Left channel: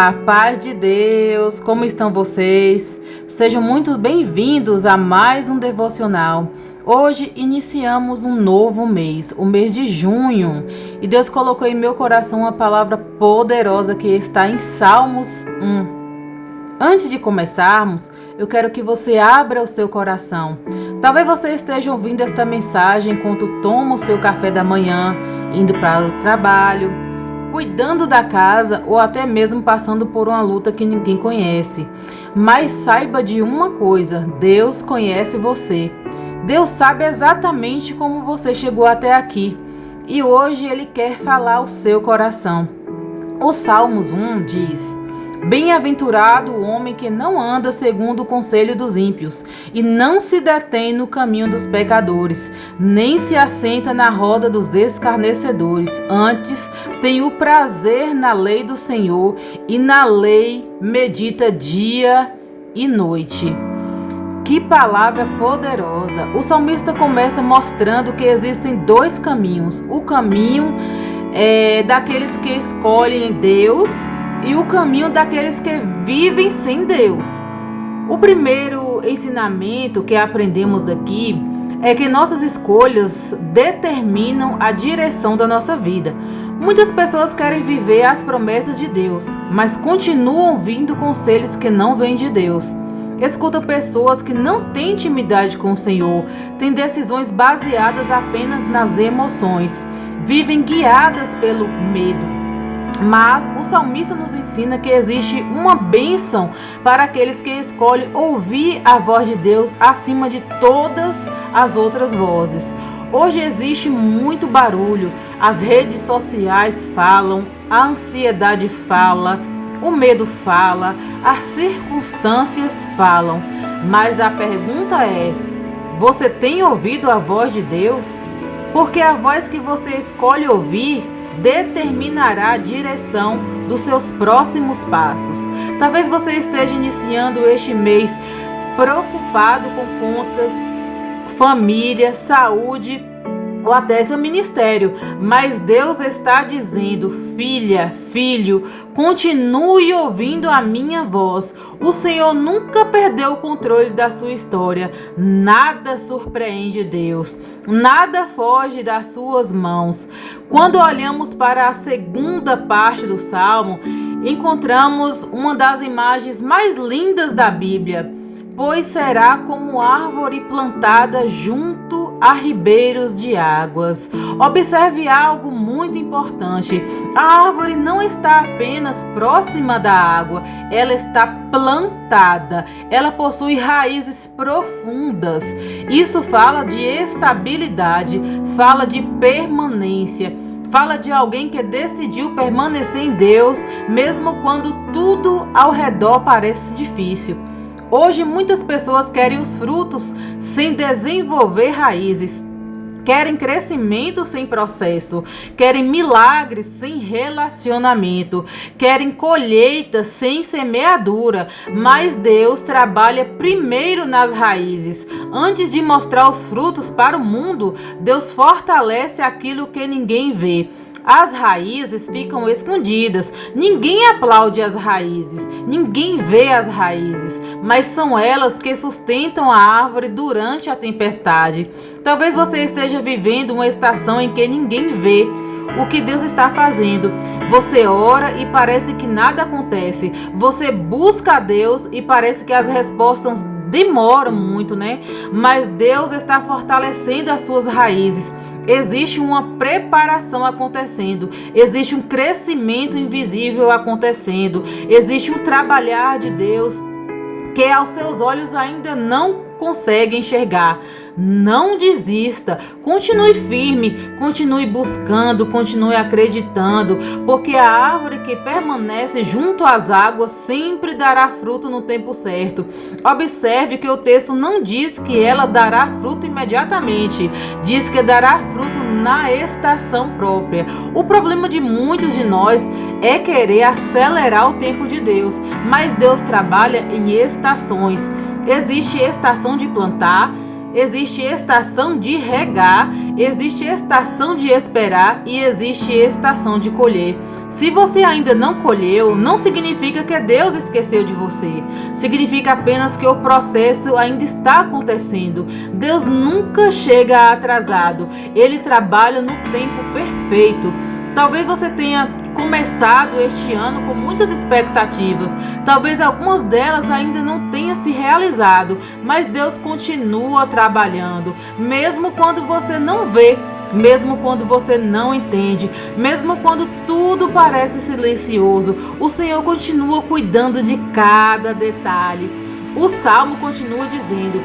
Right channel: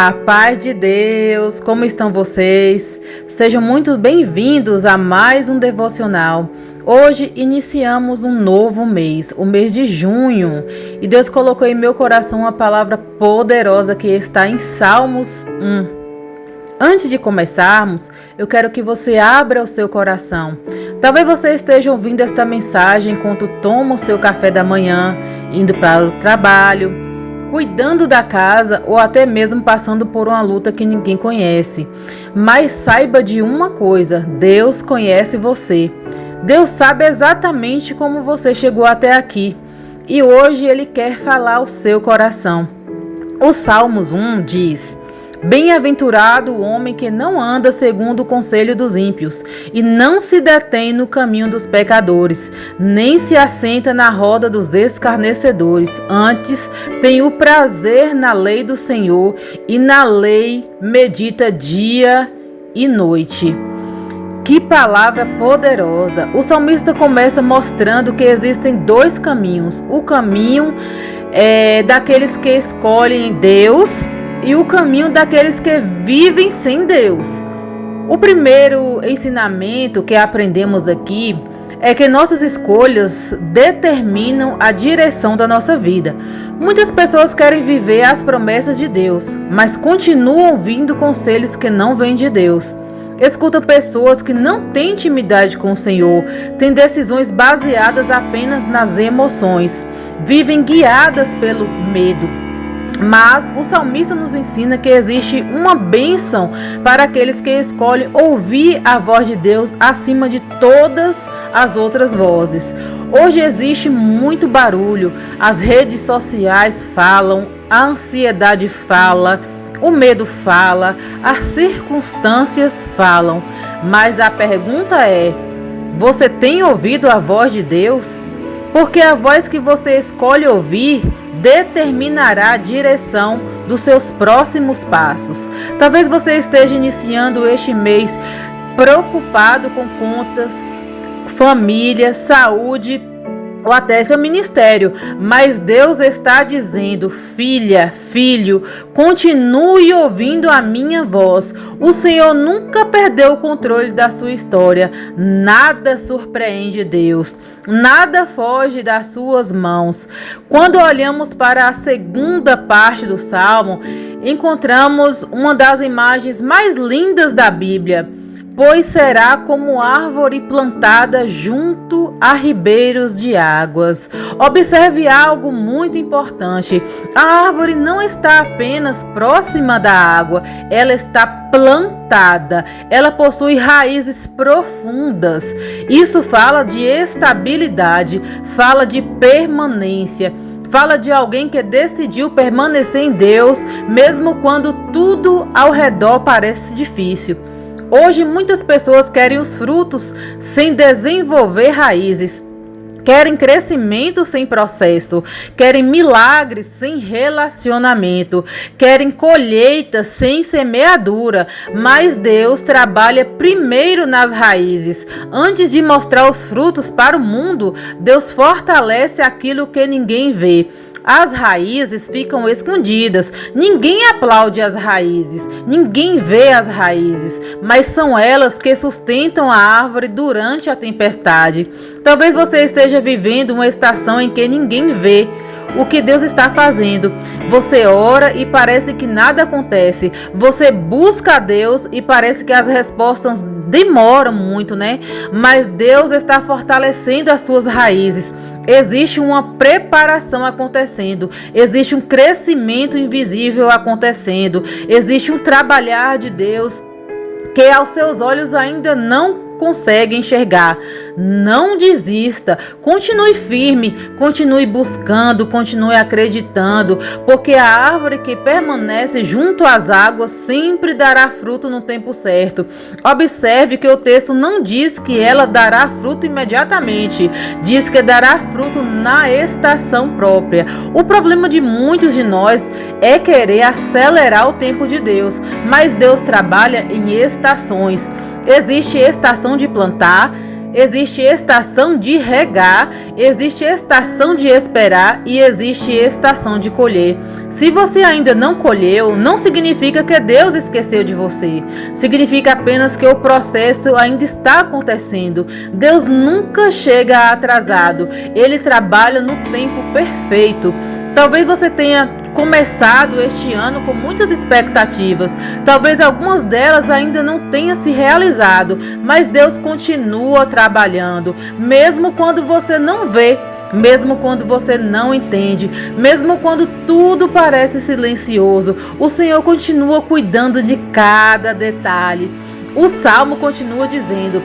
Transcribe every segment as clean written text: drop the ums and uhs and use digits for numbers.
A paz de Deus, como estão vocês? Sejam muito bem-vindos a mais um devocional. Hoje iniciamos um novo mês, o mês de junho, e Deus colocou em meu coração uma palavra poderosa que está em Salmos 1. Antes de começarmos, eu quero que você abra o seu coração. Talvez você esteja ouvindo esta mensagem enquanto toma o seu café da manhã, indo para o trabalho, cuidando da casa ou até mesmo passando por uma luta que ninguém conhece. Mas saiba de uma coisa: Deus conhece você. Deus sabe exatamente como você chegou até aqui. E hoje Ele quer falar ao seu coração. O Salmos 1 diz: Bem-aventurado o homem que não anda segundo o conselho dos ímpios, e não se detém no caminho dos pecadores, nem se assenta na roda dos escarnecedores. Antes, tem o prazer na lei do Senhor, e na lei medita dia e noite. Que palavra poderosa! O salmista começa mostrando que existem dois caminhos. O caminho daqueles que escolhem Deus e o caminho daqueles que vivem sem Deus. O primeiro ensinamento que aprendemos aqui é que nossas escolhas determinam a direção da nossa vida. Muitas pessoas querem viver as promessas de Deus, mas continuam ouvindo conselhos que não vêm de Deus. Escutam pessoas que não têm intimidade com o Senhor, têm decisões baseadas apenas nas emoções, vivem guiadas pelo medo. Mas o salmista nos ensina que existe uma bênção para aqueles que escolhem ouvir a voz de Deus acima de todas as outras vozes. Hoje existe muito barulho, as redes sociais falam, a ansiedade fala, o medo fala, as circunstâncias falam. Mas a pergunta é: você tem ouvido a voz de Deus? Porque a voz que você escolhe ouvir determinará a direção dos seus próximos passos. Talvez você esteja iniciando este mês preocupado com contas, família, saúde ou até seu ministério, mas Deus está dizendo: filha, filho, continue ouvindo a minha voz. O Senhor nunca perdeu o controle da sua história. Nada surpreende Deus, nada foge das suas mãos. Quando olhamos para a segunda parte do Salmo, encontramos uma das imagens mais lindas da Bíblia. Pois será como árvore plantada junto a ribeiros de águas. Observe algo muito importante. A árvore não está apenas próxima da água, ela está plantada. Ela possui raízes profundas. Isso fala de estabilidade, fala de permanência. Fala de alguém que decidiu permanecer em Deus, mesmo quando tudo ao redor parece difícil. Hoje muitas pessoas querem os frutos sem desenvolver raízes, querem crescimento sem processo, querem milagres sem relacionamento, querem colheita sem semeadura, mas Deus trabalha primeiro nas raízes. Antes de mostrar os frutos para o mundo, Deus fortalece aquilo que ninguém vê. As raízes ficam escondidas, ninguém aplaude as raízes, ninguém vê as raízes, mas são elas que sustentam a árvore durante a tempestade. Talvez você esteja vivendo uma estação em que ninguém vê o que Deus está fazendo. Você ora e parece que nada acontece. Você busca a Deus e parece que as respostas demoram muito, né? Mas Deus está fortalecendo as suas raízes. Existe uma preparação acontecendo, existe um crescimento invisível acontecendo, existe um trabalhar de Deus que aos seus olhos ainda não consegue enxergar. Não desista, continue firme, continue buscando, continue acreditando, porque a árvore que permanece junto às águas sempre dará fruto no tempo certo. Observe que o texto não diz que ela dará fruto imediatamente, diz que dará fruto na estação própria. O problema de muitos de nós é querer acelerar o tempo de Deus, mas Deus trabalha em estações. Existe estação de plantar, existe estação de regar, existe estação de esperar e existe estação de colher. Se você ainda não colheu, não significa que Deus esqueceu de você. Significa apenas que o processo ainda está acontecendo. Deus nunca chega atrasado. Ele trabalha no tempo perfeito. Talvez você tenha começado este ano com muitas expectativas. Talvez algumas delas ainda não tenham se realizado, mas Deus continua trabalhando, mesmo quando você não vê, mesmo quando você não entende, mesmo quando tudo parece silencioso. O Senhor continua cuidando de cada detalhe. O Salmo continua dizendo:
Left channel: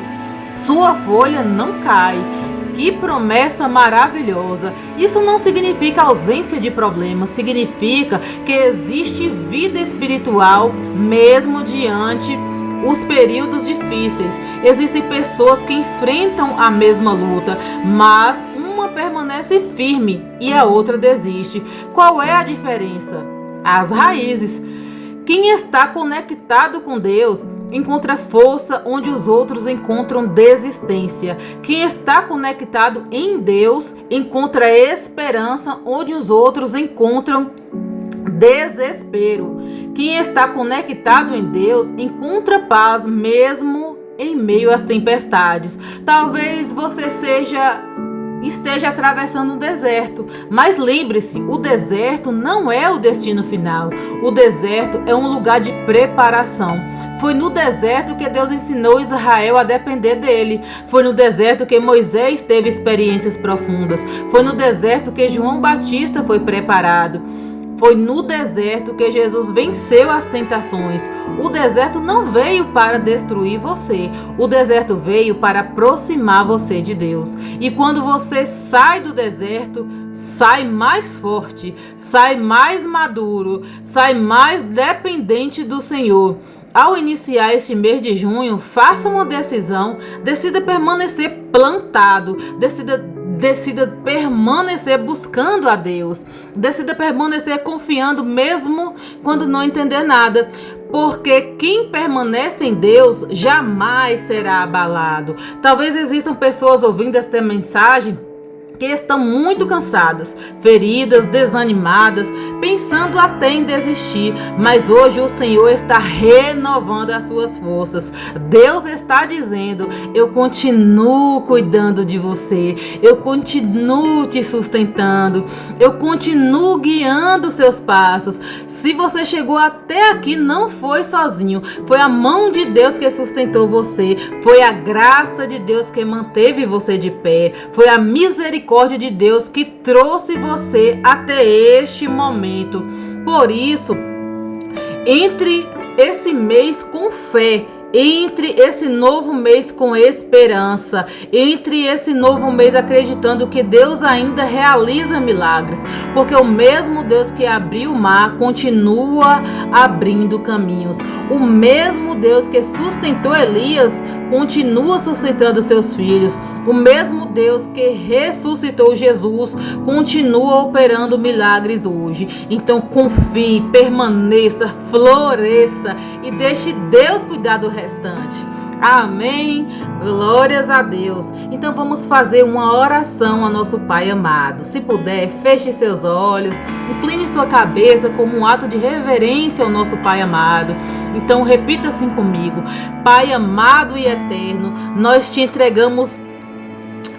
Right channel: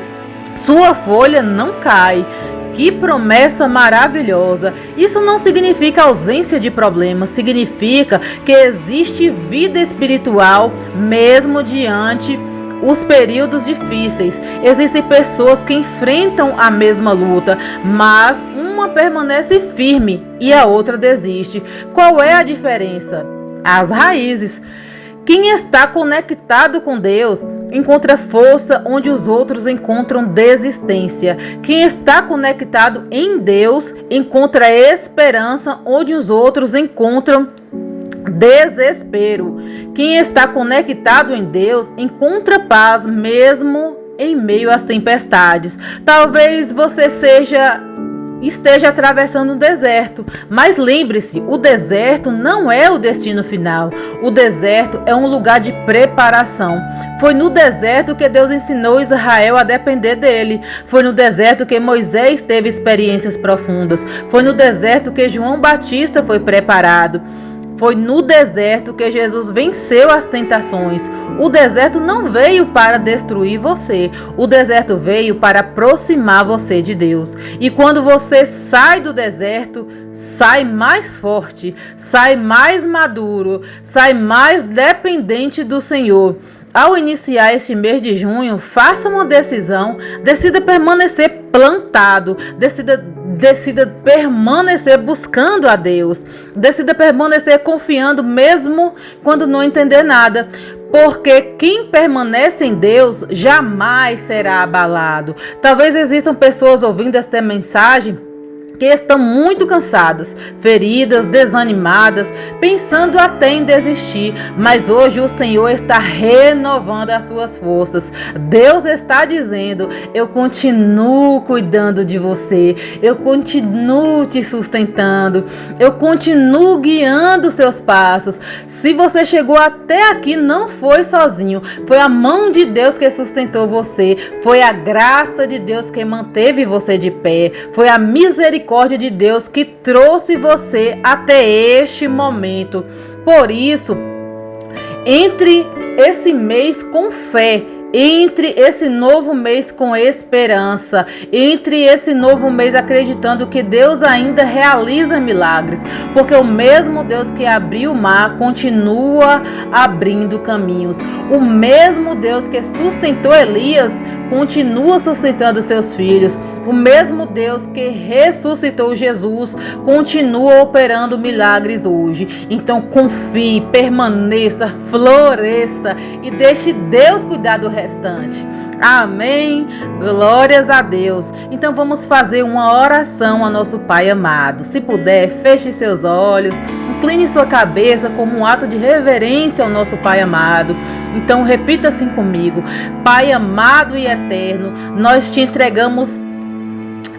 sua folha não cai. Que promessa maravilhosa! Isso não significa ausência de problemas, significa que existe vida espiritual mesmo diante os períodos difíceis. Existem pessoas que enfrentam a mesma luta, mas uma permanece firme e a outra desiste. Qual é a diferença? As raízes. Quem está conectado com Deus encontra força onde os outros encontram desistência. Quem está conectado em Deus encontra esperança onde os outros encontram desespero. Quem está conectado em Deus encontra paz mesmo em meio às tempestades. Talvez você esteja atravessando um deserto, mas lembre-se, o deserto não é o destino final. O deserto é um lugar de preparação. Foi no deserto que Deus ensinou Israel a depender dele. Foi no deserto que Moisés teve experiências profundas. Foi no deserto que João Batista foi preparado. Foi no deserto que Jesus venceu as tentações. O deserto não veio para destruir você. O deserto veio para aproximar você de Deus. E quando você sai do deserto, sai mais forte, sai mais maduro, sai mais dependente do Senhor. Ao iniciar este mês de junho, faça uma decisão, decida permanecer plantado, decida permanecer buscando a Deus, decida permanecer confiando mesmo quando não entender nada. Porque quem permanece em Deus jamais será abalado. Talvez existam pessoas ouvindo esta mensagem que estão muito cansadas, feridas, desanimadas, pensando até em desistir, mas hoje o Senhor está renovando as suas forças. Deus está dizendo: eu continuo cuidando de você, eu continuo te sustentando, eu continuo guiando seus passos. Se você chegou até aqui, não foi sozinho, foi a mão de Deus que sustentou você, foi a graça de Deus que manteve você de pé, foi a misericórdia de Deus que trouxe você até este momento. Por isso, entre esse mês com fé, entre esse novo mês com esperança, entre esse novo mês acreditando que Deus ainda realiza milagres, porque o mesmo Deus que abriu o mar continua abrindo caminhos. O mesmo Deus que sustentou Elias continua sustentando seus filhos. O mesmo Deus que ressuscitou Jesus continua operando milagres hoje. Então confie, permaneça, floresça e deixe Deus cuidar do restante. Amém? Glórias a Deus. Então vamos fazer uma oração ao nosso Pai amado. Se puder, feche seus olhos, incline sua cabeça como um ato de reverência ao nosso Pai amado. Então repita assim comigo: Pai amado e eterno, nós te entregamos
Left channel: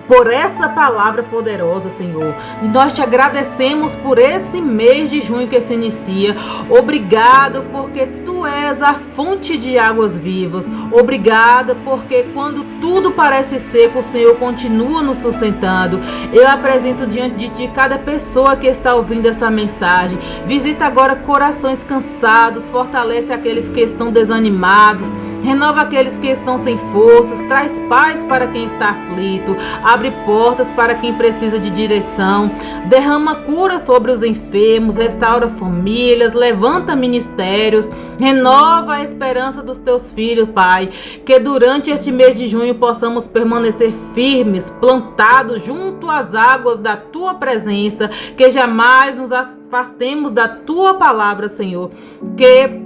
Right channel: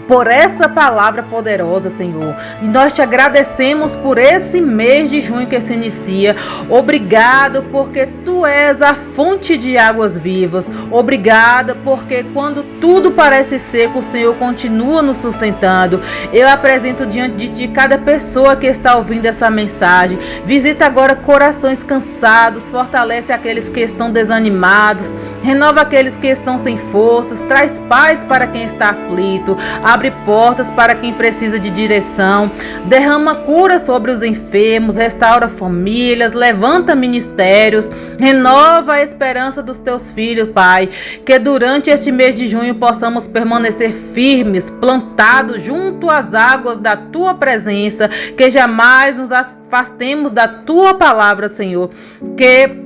por essa palavra poderosa, Senhor. E nós te agradecemos por esse mês de junho que se inicia. Obrigado porque Tu és a fonte de águas vivas. Obrigada porque quando tudo parece seco, o Senhor continua nos sustentando. Eu apresento diante de Ti cada pessoa que está ouvindo essa mensagem. Visita agora corações cansados, fortalece aqueles que estão desanimados, renova aqueles que estão sem forças, traz paz para quem está aflito, abre portas para quem precisa de direção, derrama cura sobre os enfermos, restaura famílias, levanta ministérios, renova a esperança dos teus filhos, Pai. Que durante este mês de junho possamos permanecer firmes, plantados junto às águas da Tua presença, que jamais nos afastemos da Tua palavra, Senhor. Que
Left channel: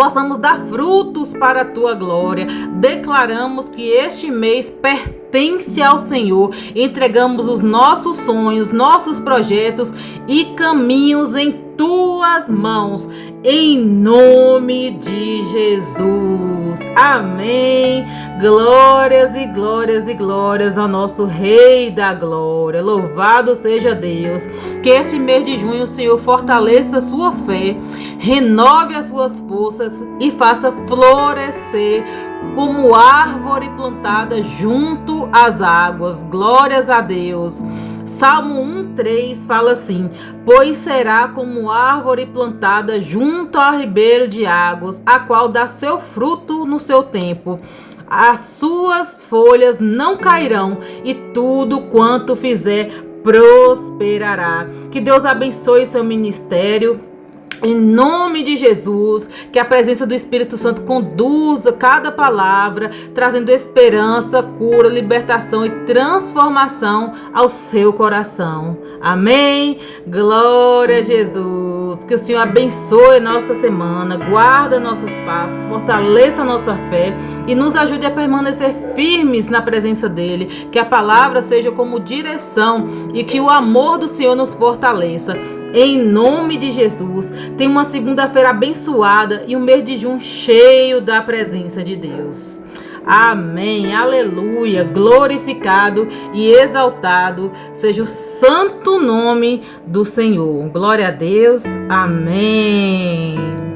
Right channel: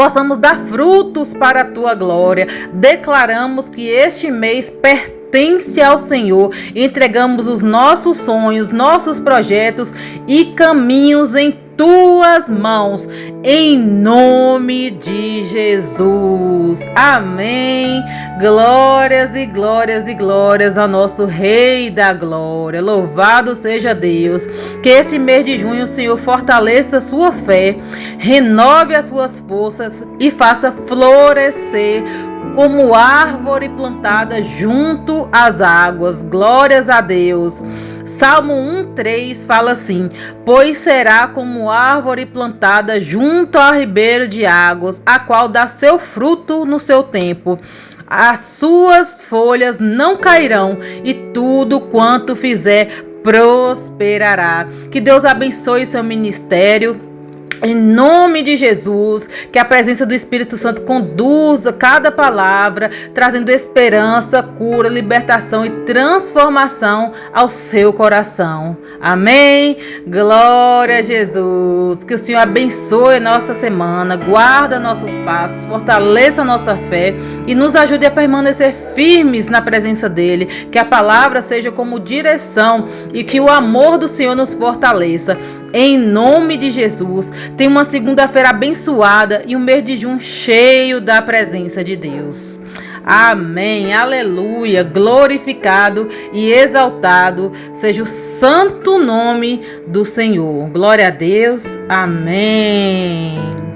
possamos dar frutos para a tua glória. Declaramos que este mês pertence ao Senhor. Entregamos os nossos sonhos, nossos projetos e caminhos em tuas mãos, em nome de Jesus. Amém. Glórias e glórias e glórias ao nosso Rei da Glória. Louvado seja Deus. Que este mês de junho o Senhor fortaleça a sua fé, renove as suas forças e faça florescer como árvore plantada junto às águas. Glórias a Deus. Salmo 1:3 fala assim: pois será como árvore plantada junto ao ribeiro de águas, a qual dá seu fruto no seu tempo. As suas folhas não cairão, e tudo quanto fizer prosperará. Que Deus abençoe seu ministério. Em nome de Jesus, que a presença do Espírito Santo conduza cada palavra, trazendo esperança, cura, libertação e transformação ao seu coração. Amém? Glória a Jesus. Que o Senhor abençoe nossa semana, guarda nossos passos, fortaleça nossa fé e nos ajude a permanecer firmes na presença dEle. Que a palavra seja como direção e que o amor do Senhor nos fortaleça. Em nome de Jesus, tenha uma segunda-feira abençoada e um mês de junho cheio da presença de Deus. Amém, aleluia, glorificado e exaltado seja o santo nome do Senhor. Glória a Deus, amém.